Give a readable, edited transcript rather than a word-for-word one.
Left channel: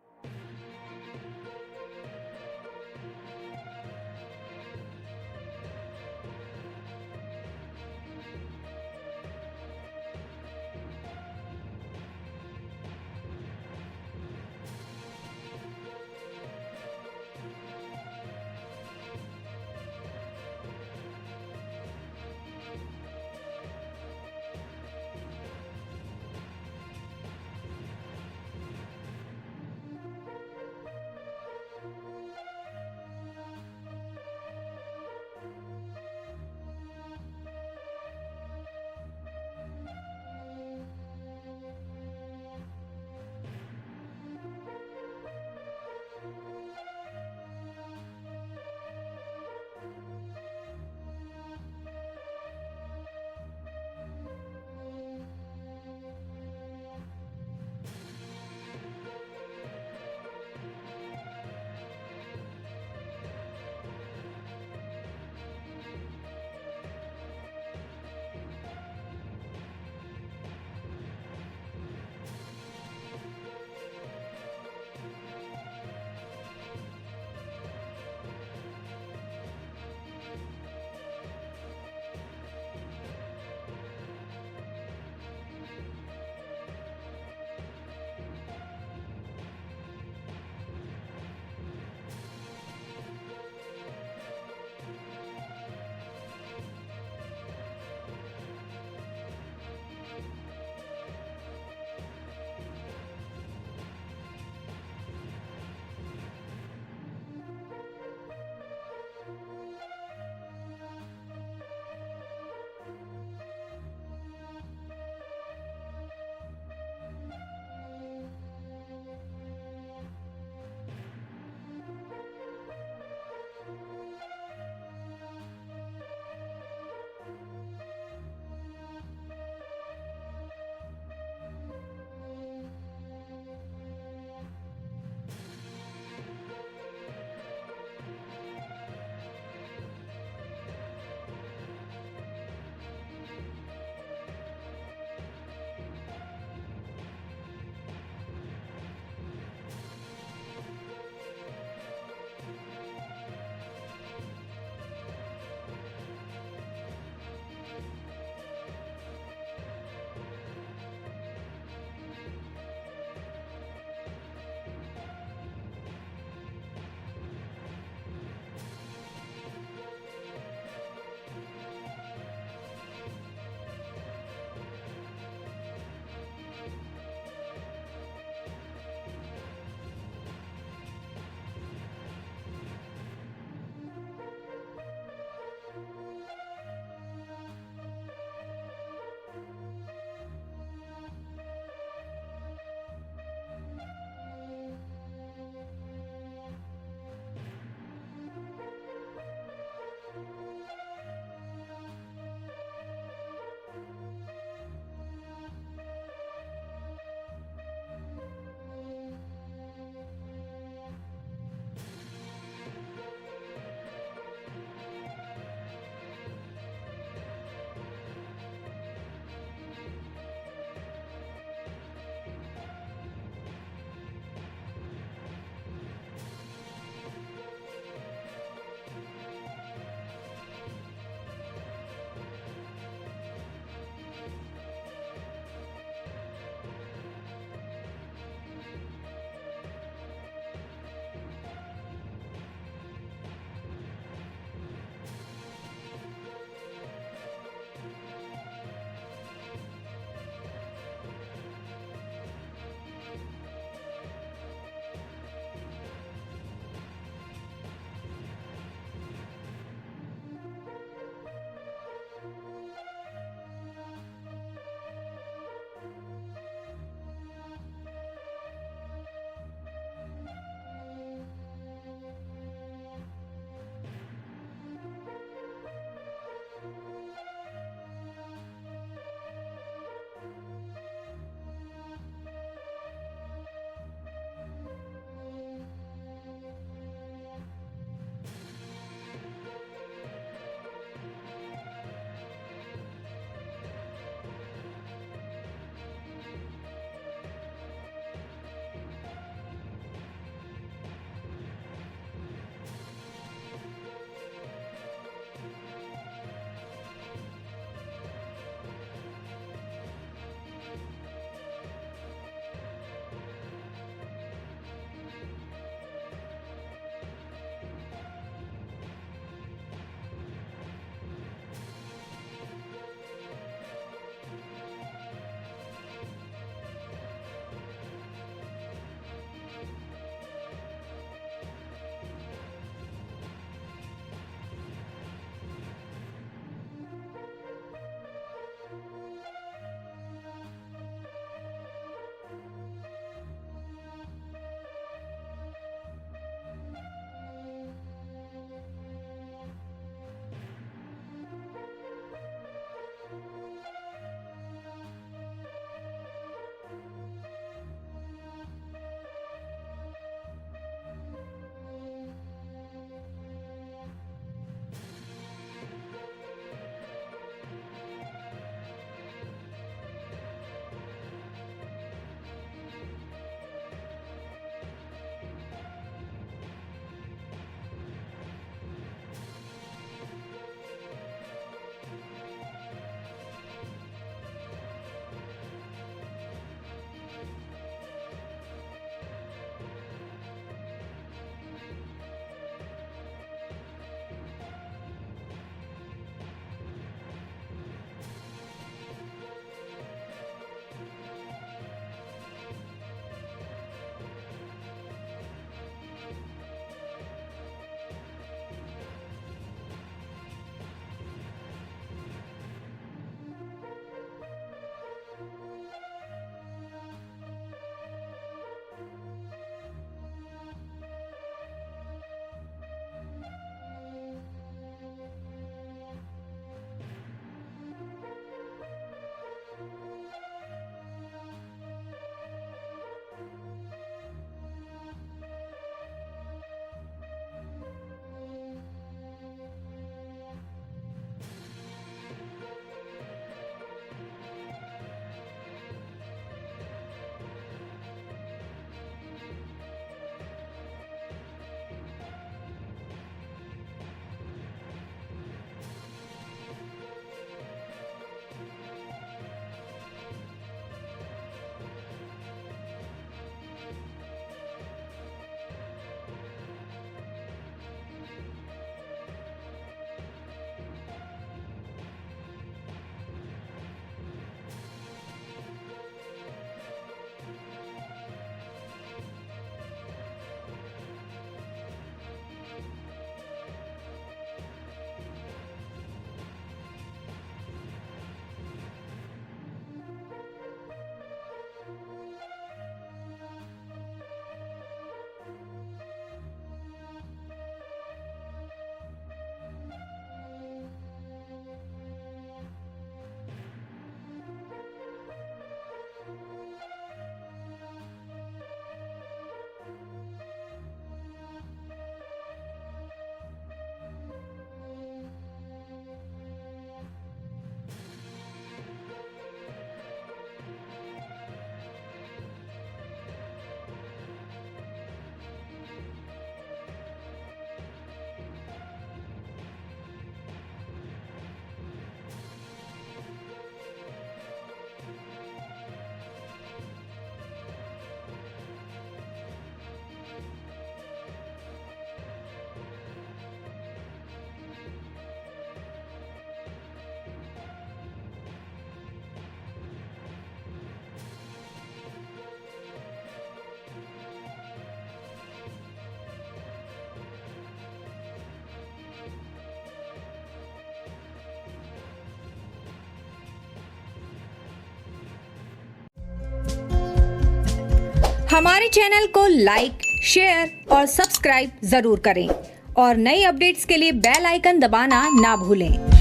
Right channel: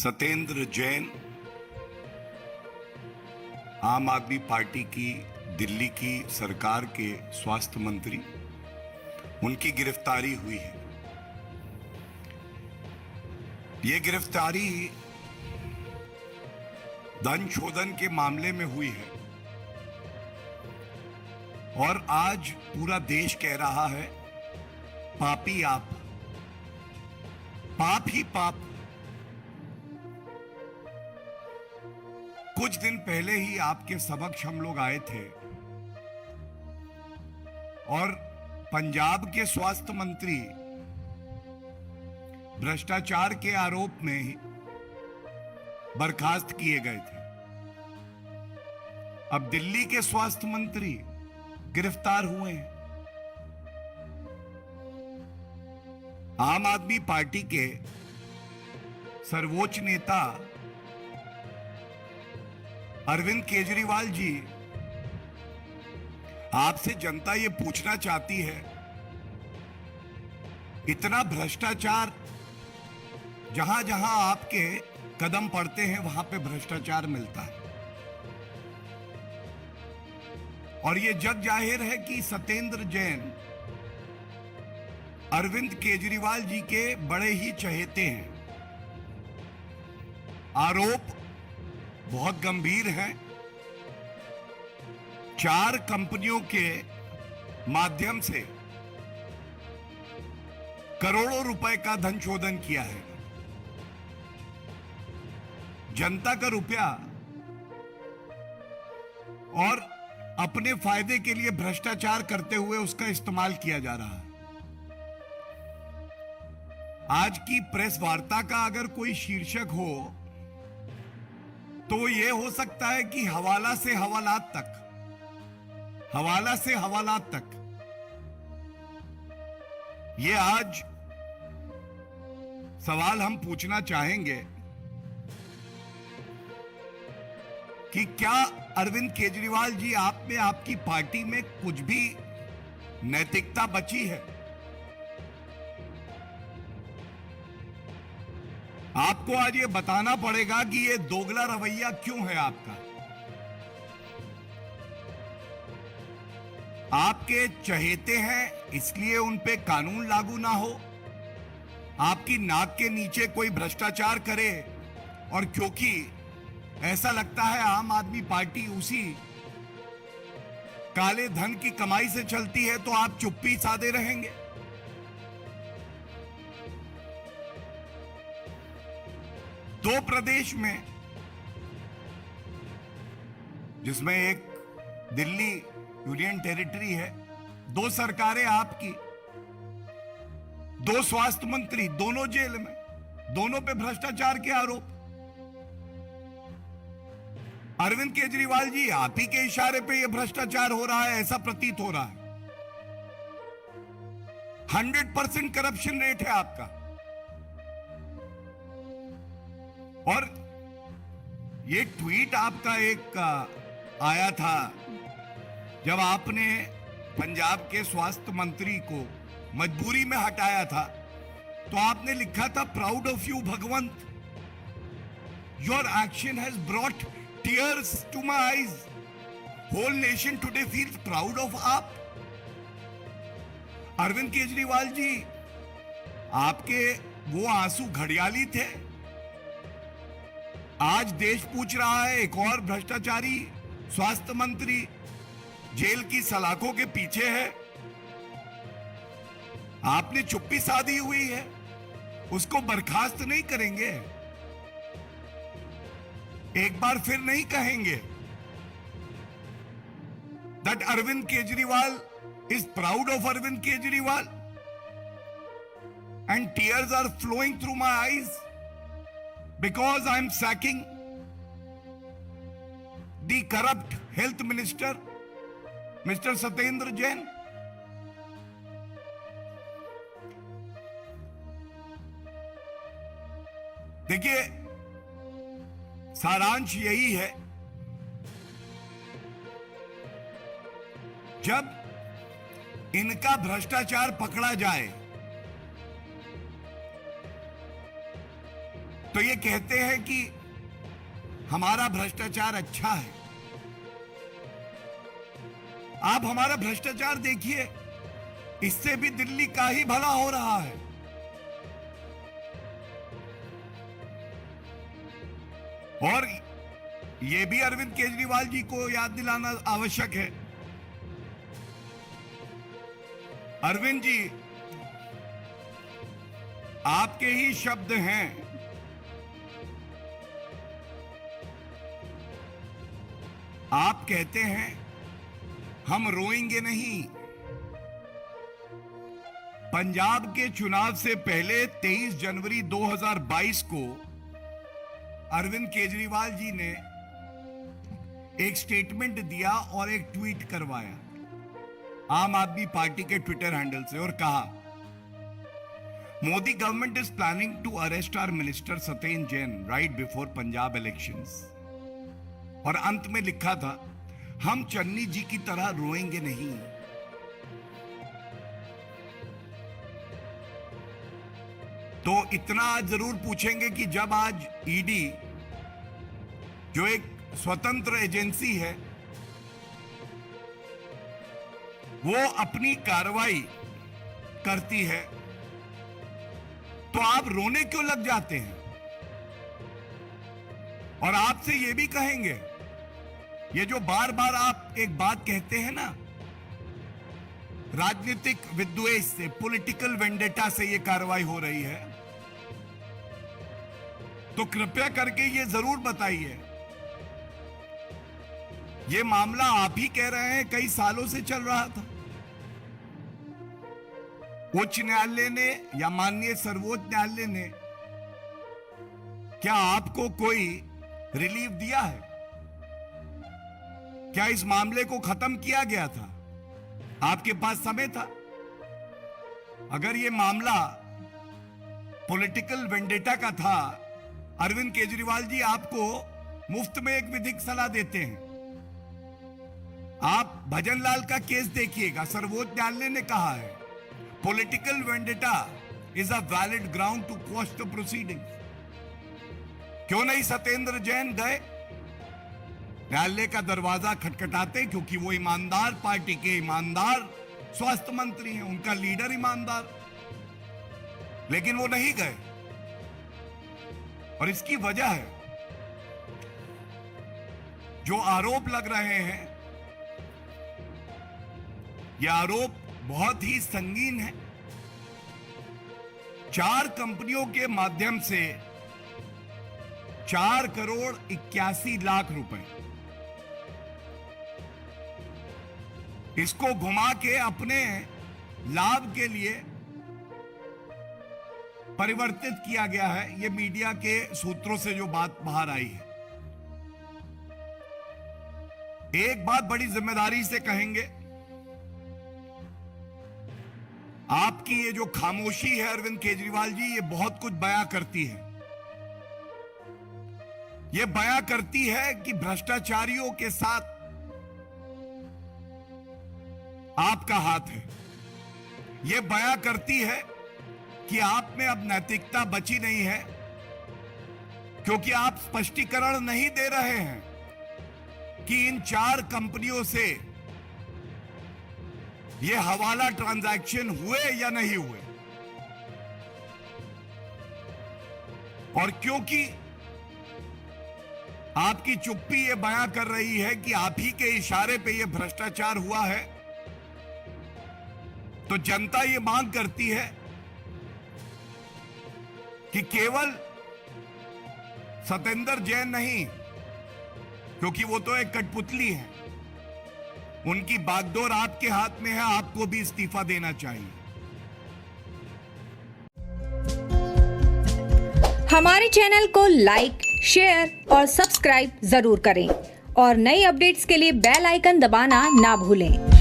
सत्येंद्र जैन आम आदमी पार्टी की दिल्ली की सरकार के स्वास्थ्य मंत्री, उनकी गिरफ्तारी हुई है। ये गिरफ्तारी धन शोधन के मामले में हुई है और आज पूरा देश कह रहा है पापी आप, पाप ही पाप। कुछ दिन पहले ही आपके समक्ष हम लोग आए थे और पंजाब के स्वास्थ्य मंत्री भ्रष्टाचार के आरोप में ही बर्खास्त किए गए थे। अब दिल्ली के स्वास्थ्य मंत्री गिरफ्तार हुए हैं। आम आदमी पार्टी के सर्वोच्च नेता अरविंद केजरीवाल जी, आपसे जनता ये पूछना चाहती है, इतना भ्रष्टाचार, जहां जहां आपके कदम पड़ते हैं वहां पे भ्रष्टाचार मिलता है और ये जग जाहिर है कि सत्येंद्र जैन अरविंद केजरीवाल जी के बड़े ही चहेते हैं। आरोप बहुत गंभीर है। 4 कंपनियों के माध्यम से करोड़ों रुपए का धन शोधन किया है। जनता का रुपया और अपने फायदे के लिए भ्रष्टाचार करते हुए उसका इस्तेमाल किया जा रहा है। आज की प्रेस वार्ता का अगर कोई शीर्षक हो तो यह हो सकता है कि हवाला से हवालात तक, हवाला से हवालात तक। ये आज सवाल हम पूछना चाहेंगे कि क्या अरविंद केजरीवाल जी, आप में, आपकी पार्टी में कुछ भी नैतिकता बची है? आपको आज ये बताना पड़ेगा कि ये दोगला रवैया क्यों है आपका। आपके चहेते हैं इसलिए उन पे कानून लागू ना हो, आपकी नाक के नीचे कोई भ्रष्टाचार करे और क्योंकि ऐसा लगता है आम आदमी पार्टी उसी काले धन की कमाई से चलती है, तो आप चुप्पी साधे रहेंगे। दो प्रदेश में, जिसमें एक दिल्ली यूनियन टेरिटरी है, 2 सरकारें आपकी, 2 स्वास्थ्य मंत्री, दोनों जेल में, दोनों पे भ्रष्टाचार के आरोप। अरविंद केजरीवाल जी, आप ही के इशारे पे यह भ्रष्टाचार हो रहा है, ऐसा प्रतीत हो रहा है। 100% करप्शन रेट है आपका। और ये ट्वीट आपका एक आया था जब आपने पंजाब के स्वास्थ्य मंत्री को मजबूरी में हटाया था, तो आपने लिखा था, proud of you Bhagwant, your action has brought tears to my eyes, whole nation today feels proud of आप। अरविंद केजरीवाल जी, आपके वो आंसू घड़ियाली थे। आज देश पूछ रहा है, एक और भ्रष्टाचारी स्वास्थ्य मंत्री जेल की सलाखों के पीछे है। आपने चुप्पी साधी हुई है, उसको बर्खास्त नहीं करेंगे, एक बार फिर नहीं कहेंगे that Arvind Kejriwal is proud of Arvind Kejriwal and tears are flowing through my eyes because I am sacking the corrupt health minister, Mr. Satyendra Jain. देखिए, सारांश यही है, जब इनका भ्रष्टाचार पकड़ा जाए तो ये कहते हैं कि हमारा भ्रष्टाचार अच्छा है। आप हमारा भ्रष्टाचार देखिए, इससे भी दिल्ली का ही भला हो रहा है। और ये भी अरविंद केजरीवाल जी को याद दिलाना आवश्यक है। अरविंद जी, आपके ही शब्द हैं, आप कहते हैं हम रोएंगे नहीं। पंजाब के चुनाव से पहले 23 जनवरी 2022 को अरविंद केजरीवाल जी ने एक स्टेटमेंट दिया और एक ट्वीट करवाया आम आदमी पार्टी के ट्विटर हैंडल से और कहा, Modi government is planning to arrest our minister Satyendra Jain right before Punjab elections. और अंत में लिखा था, हम चन्नी जी की तरह रोएंगे नहीं। तो इतना जरूर पूछेंगे कि जब आज ईडी, जो एक स्वतंत्र एजेंसी है, वो अपनी कार्रवाई करती है, तो आप रोने क्यों लग जाते हैं? और आपसे ये भी कहेंगे, ये जो बार बार आप एक बात कहते हैं ना, राजनीतिक विद्वेष से, पॉलिटिकल वेंडेटा से ये कार्रवाई हो रही है, तो कृपया करके ये जरूर बताइए, ये मामला आप ही कह रहे हैं कई सालों से चल रहा था। उच्च न्यायालय ने या माननीय सर्वोच्च न्यायालय ने क्या आपको कोई रिलीफ दिया है? क्या इस मामले को खत्म किया गया था? आपके पास समय था। अगर ये मामला पॉलिटिकल वेंडेटा का था, अरविंद केजरीवाल जी आपको मुफ्त में एक विधिक सलाह देते हैं। आप भजनलाल का केस देखिएगा, सर्वोच्च न्यायालय ने कहा है political vendetta is a valid ground to quash the proceeding. क्यों नहीं सत्येंद्र जैन गए न्यायालय का दरवाजा खटखटाते? क्योंकि वो ईमानदार पार्टी के ईमानदार स्वास्थ्य मंत्री हैं, उनका लीडर ईमानदार, लेकिन वो नहीं गए। और इसकी वजह है, जो आरोप लग रहे हैं, ये आरोप बहुत ही संगीन है। 4 कंपनियों के माध्यम से 4 करोड़ 81 लाख रुपए, इसको घुमा के अपने लाभ के लिए परिवर्तित किया गया है। ये मीडिया के सूत्रों से जो बात बाहर आई है। एक बात बड़ी जिम्मेदारी से कहेंगे, आपकी ये जो खामोशी है अरविंद केजरीवाल जी, ये बहुत कुछ बयां करती है। ये बयां करती है कि भ्रष्टाचारियों के साथ आपका हाथ है। ये बयां करती है कि आप में अब नैतिकता बची नहीं है, क्योंकि आप स्पष्टीकरण नहीं दे रहे हैं कि इन 4 कंपनियों से ये हवाला ट्रांजैक्शन हुए या नहीं हुए। और क्योंकि आपकी चुप्पी ये बयां कर रही है कि आप ही के इशारे पे ये भ्रष्टाचार हुआ है, तो जनता ये मांग करती है कि केवल सत्येंद्र जैन नहीं, क्योंकि वो तो एक कठपुतली है, उनकी बागडोर आपके हाथ में है, आपको भी इस्तीफा देना चाहिए। हमारे चैनल को लाइक, शेयर और सब्सक्राइब जरूर करें और नई अपडेट्स के लिए बेल आइकन दबाना ना भूलें।